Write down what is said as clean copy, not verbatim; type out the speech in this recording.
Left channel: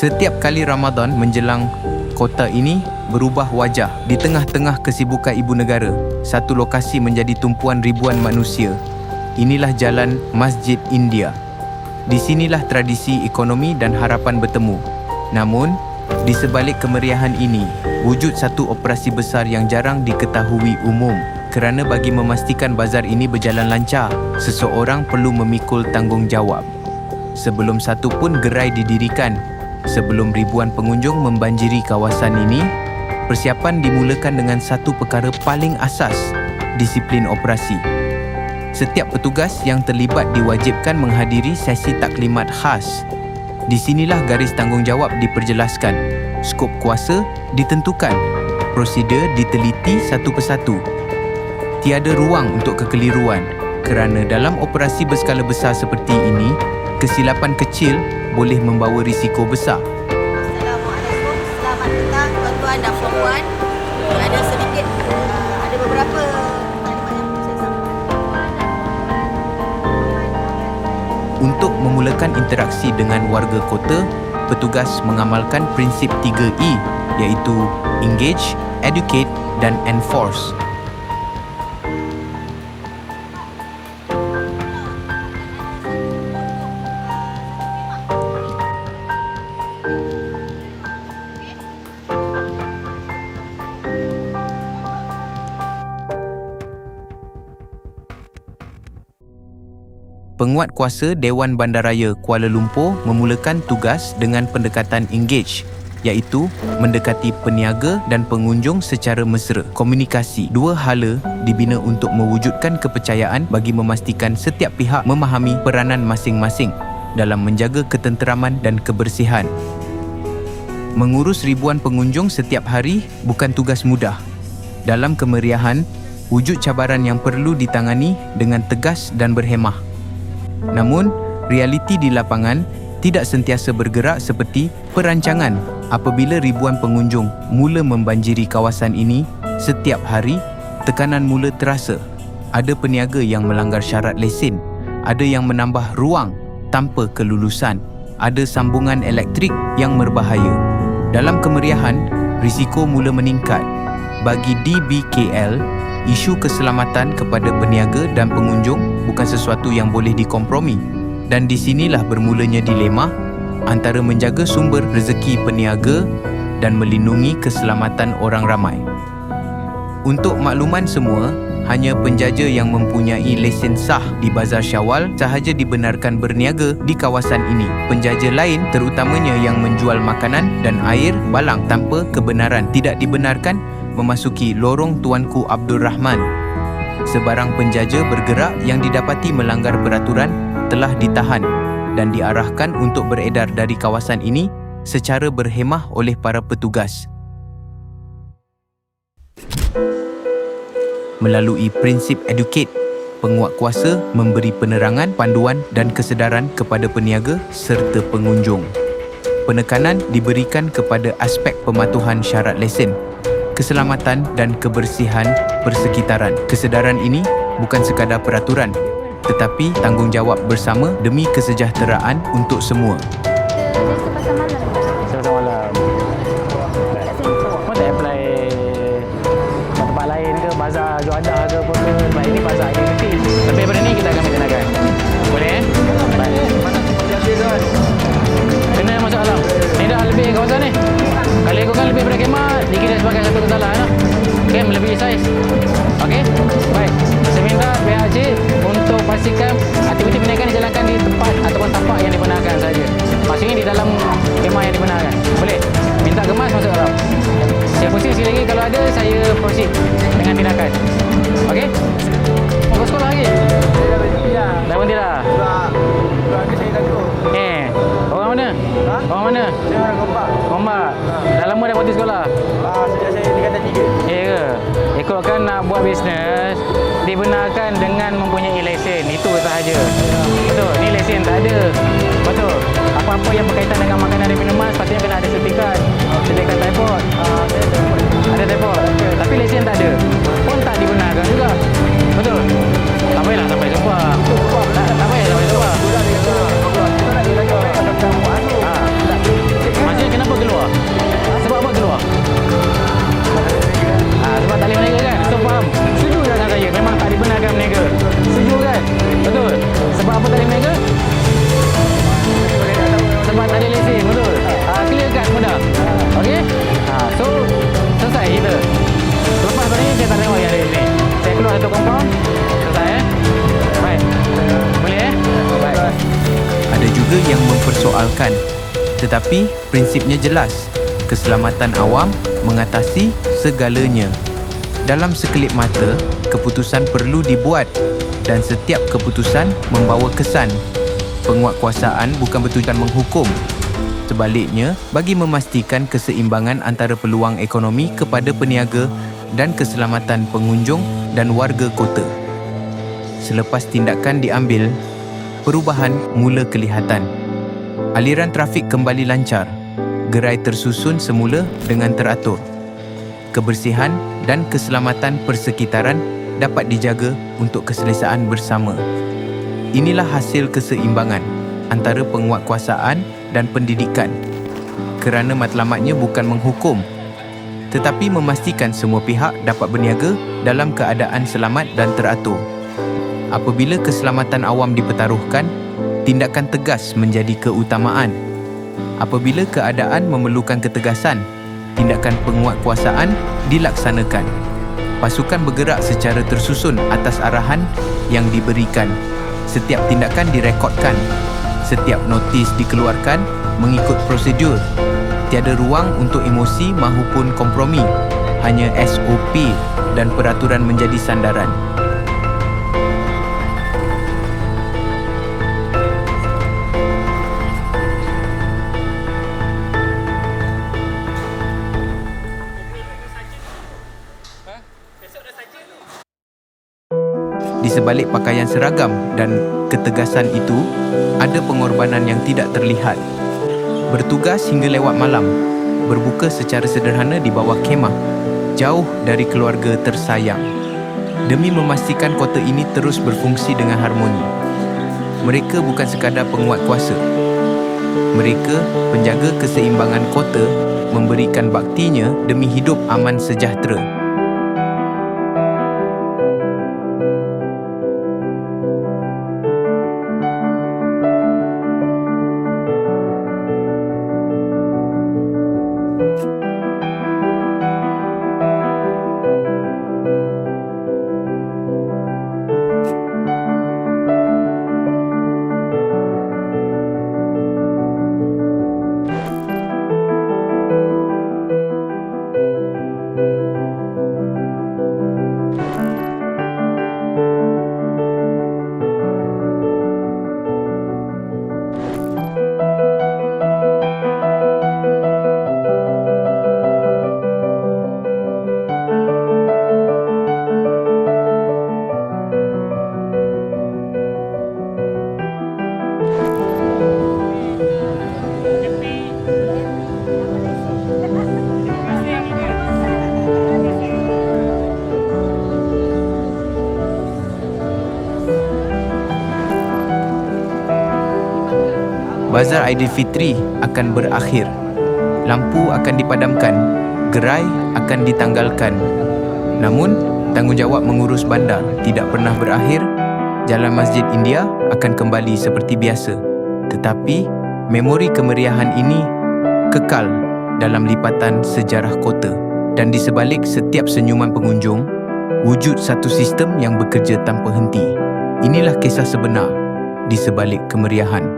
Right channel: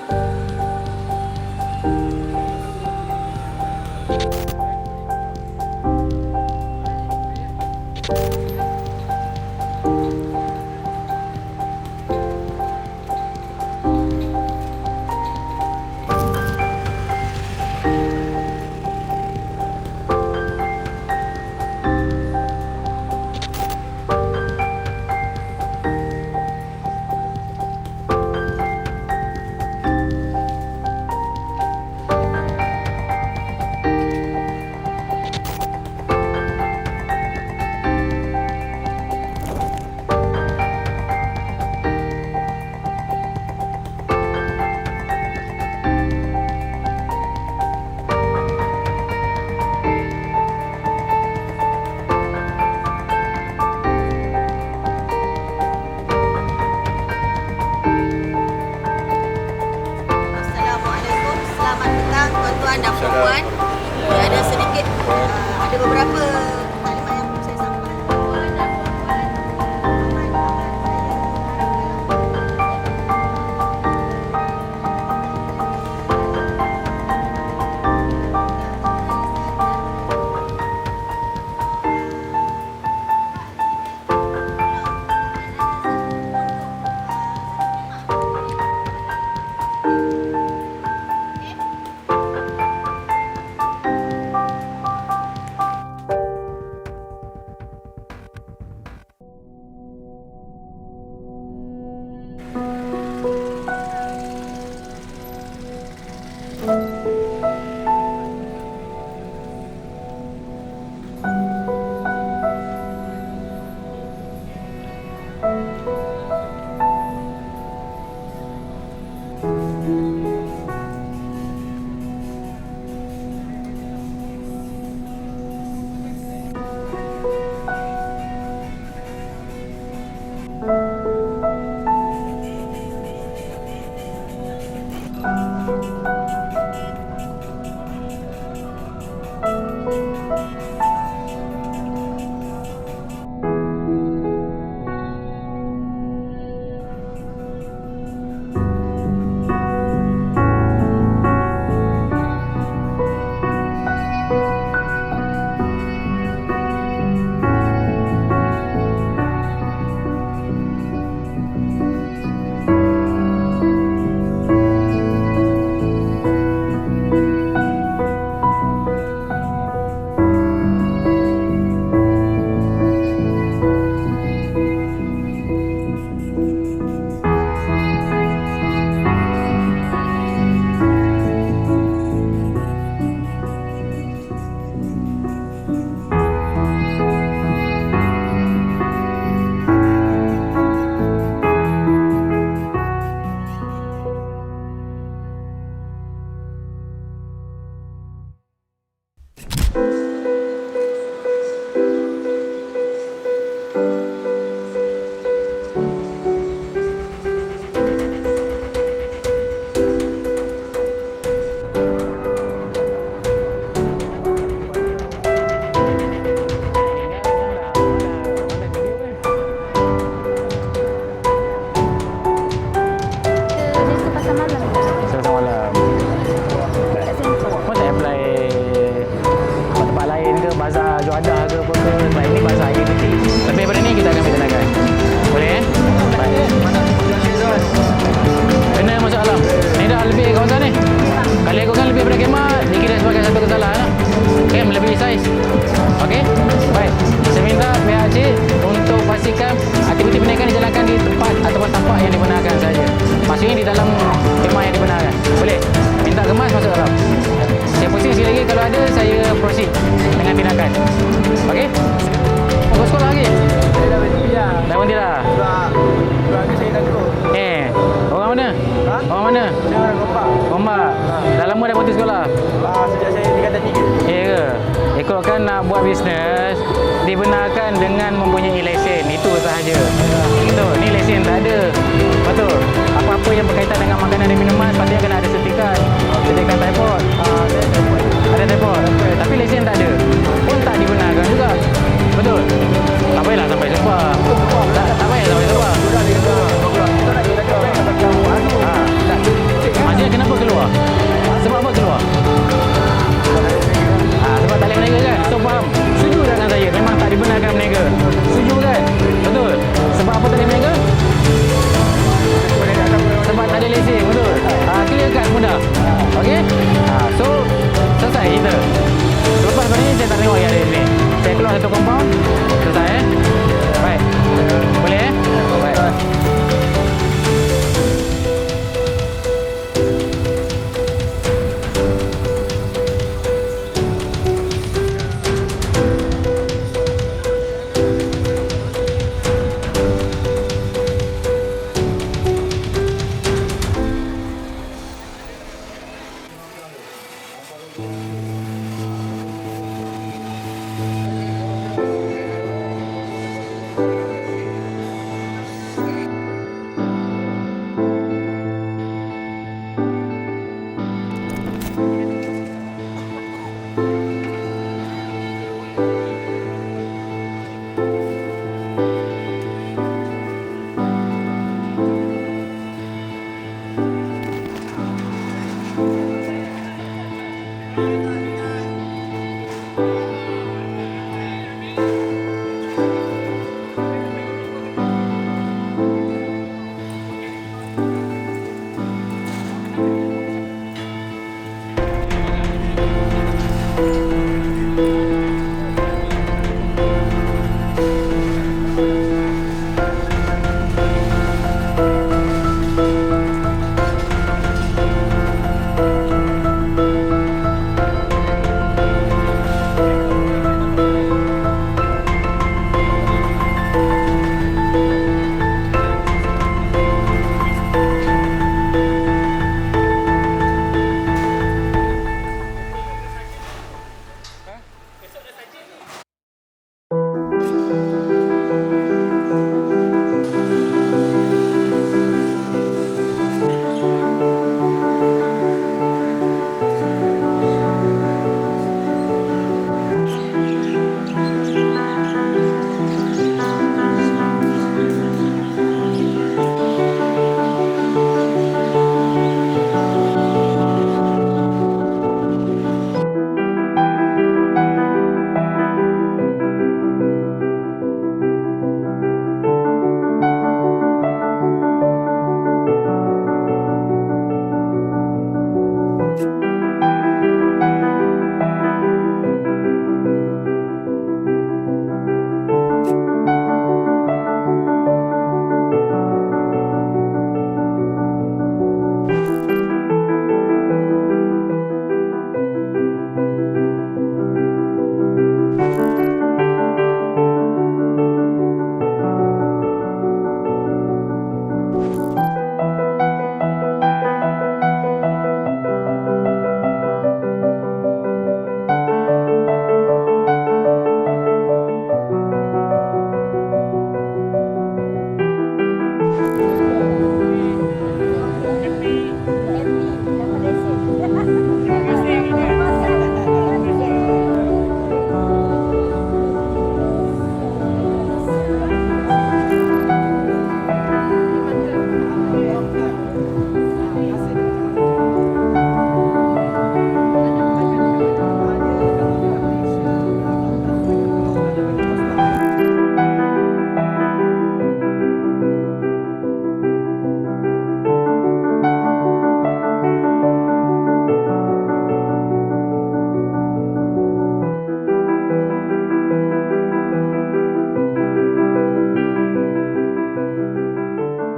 Setiap kali Ramadan menjelang, kota ini berubah wajah. Di tengah-tengah kesibukan ibu negara, satu lokasi menjadi tumpuan ribuan manusia. Inilah jalan Masjid India. Di sinilah tradisi, ekonomi dan harapan bertemu. Namun, di sebalik kemeriahan ini, wujud satu operasi besar yang jarang diketahui umum. Kerana bagi memastikan bazar ini berjalan lancar, seseorang perlu memikul tanggungjawab. Sebelum satu pun gerai didirikan, sebelum ribuan pengunjung membanjiri kawasan ini, persiapan dimulakan dengan satu perkara paling asas, disiplin operasi. Setiap petugas yang terlibat diwajibkan menghadiri sesi taklimat khas. Di sinilah garis tanggungjawab diperjelaskan, skop kuasa ditentukan, prosedur diteliti satu persatu. Tiada ruang untuk kekeliruan, kerana dalam operasi berskala besar seperti ini, kesilapan kecil boleh membawa risiko besar. Assalamualaikum, selamat petang tuan-tuan dan puan-puan. Ada sedikit, ada beberapa maklumat yang saya sampaikan. Untuk memulakan interaksi dengan warga kota, petugas mengamalkan prinsip 3E, iaitu engage, educate dan enforce. Penguatkuasa Dewan Bandaraya Kuala Lumpur memulakan tugas dengan pendekatan engage, iaitu mendekati peniaga dan pengunjung secara mesra. Komunikasi, dua hala dibina untuk mewujudkan kepercayaan bagi memastikan setiap pihak memahami peranan masing-masing dalam menjaga ketenteraman dan kebersihan. Mengurus ribuan pengunjung setiap hari bukan tugas mudah. Dalam kemeriahan, wujud cabaran yang perlu ditangani dengan tegas dan berhemah. Namun, realiti di lapangan tidak sentiasa bergerak seperti perancangan. Apabila ribuan pengunjung mula membanjiri kawasan ini setiap hari, tekanan mula terasa. Ada peniaga yang melanggar syarat lesen, ada yang menambah ruang tanpa kelulusan, ada sambungan elektrik yang berbahaya. Dalam kemeriahan, risiko mula meningkat. Bagi DBKL, isu keselamatan kepada peniaga dan pengunjung bukan sesuatu yang boleh dikompromi. Dan di sinilah bermulanya dilema antara menjaga sumber rezeki peniaga dan melindungi keselamatan orang ramai. Untuk makluman semua, hanya penjaja yang mempunyai lesen sah di Bazar Syawal sahaja dibenarkan berniaga di kawasan ini. Penjaja lain, terutamanya yang menjual makanan dan air balang tanpa kebenaran, tidak dibenarkan memasuki lorong Tuanku Abdul Rahman. Sebarang penjaja bergerak yang didapati melanggar peraturan telah ditahan dan diarahkan untuk beredar dari kawasan ini secara berhemah oleh para petugas. Melalui prinsip educate, penguatkuasa memberi penerangan, panduan dan kesedaran kepada peniaga serta pengunjung. Penekanan diberikan kepada aspek pematuhan syarat lesen, keselamatan dan kebersihan persekitaran. Kesedaran ini bukan sekadar peraturan, tetapi tanggungjawab bersama demi kesejahteraan untuk semua. Lesen pasar malam. Pasar malam. Kau tak apply tempat lain ke, bazar Juadah ke apa ke? Sebab ini bazar aktiviti. Lebih daripada ni kita akan tindakan. Boleh Baik. Mana masih ada tuan? Kena masuk alam. Ni dah lebih kawasan ni. Kalau ikutkan lebih daripada khemah, dikira sebagai satu kesalahan lah. Okay, melebihi saiz. Okey? Baik. Saya minta pihak cik untuk pastikan aktiviti perniagaan dijalankan di tempat ataupun tapak yang dibenarkan saja. Maksudnya di dalam khemah yang dibenarkan. Boleh? Minta kemas masuk alam. Saya pusing sekali lagi, kalau ada saya proceed dengan tindakan. Okey? Mau ke sekolah lagi? Saya dah berhenti dah. Dah berhenti dah? Sebab ni saya takut. Orang mana? Ha? Orang mana? Saya orang Gombak. Gombak. Dah lama dah berhenti sekolah? Sejak saya tingkatan 3. Ya ke? Ikutkan nak buat bisnes, dibenarkan dengan mempunyai lesen. Itu sahaja. Betul? Ni lesen tak ada. Betul? Apa-apa yang berkaitan dengan makanan dan minuman sepatutnya kena ada sertifikat. Sertifikat typhoid. Saya takut. Ada typhoid. Tapi lesen tak ada. Pun tak dibenarkan juga. Betul? Tak payahlah sampai sumpah. Tak payah sampai sumpah. Kita nak kita buat anu. Masih memang tak dibenarkan berniaga. Setuju kan? Betul. Sebab apa tak boleh berniaga? Sebab tak ada lesen, betul. Clear cut mudah. Okey? So selesai kita. Selepas ni saya tak tengok hari ni. Saya keluar satu compound. Selesai Baik. Boleh Baik. Ada juga yang mempersoalkan, tetapi prinsipnya jelas. Keselamatan awam mengatasi segalanya. Dalam sekelip mata, keputusan perlu dibuat dan setiap keputusan membawa kesan. Penguatkuasaan bukan bertujuan menghukum. Sebaliknya, bagi memastikan keseimbangan antara peluang ekonomi kepada peniaga dan keselamatan pengunjung dan warga kota. Selepas tindakan diambil, perubahan mula kelihatan. Aliran trafik kembali lancar. Gerai tersusun semula dengan teratur. Kebersihan dan keselamatan persekitaran dapat dijaga untuk keselesaan bersama. Inilah hasil keseimbangan antara penguatkuasaan dan pendidikan. Kerana matlamatnya bukan menghukum, tetapi memastikan semua pihak dapat berniaga dalam keadaan selamat dan teratur. Apabila keselamatan awam dipertaruhkan, tindakan tegas menjadi keutamaan. Apabila keadaan memerlukan ketegasan, tindakan penguatkuasaan dilaksanakan. Pasukan bergerak secara tersusun atas arahan yang diberikan. Setiap tindakan direkodkan. Setiap notis dikeluarkan mengikut prosedur. Tiada ruang untuk emosi maupun kompromi. Hanya SOP dan peraturan menjadi sandaran. Di sebalik pakaian seragam dan ketegasan itu, ada pengorbanan yang tidak terlihat. Bertugas hingga lewat malam, berbuka secara sederhana di bawah kemah, jauh dari keluarga tersayang, demi memastikan kota ini terus berfungsi dengan harmoni. Mereka bukan sekadar penguat kuasa. Mereka menjaga keseimbangan kota, memberikan baktinya demi hidup aman sejahtera. Bazar Aidilfitri akan berakhir. Lampu akan dipadamkan. Gerai akan ditanggalkan. Namun, tanggungjawab mengurus bandar tidak pernah berakhir. Jalan Masjid India akan kembali seperti biasa. Tetapi, memori kemeriahan ini kekal dalam lipatan sejarah kota. Dan di sebalik setiap senyuman pengunjung, wujud satu sistem yang bekerja tanpa henti. Inilah kisah sebenar di sebalik kemeriahan.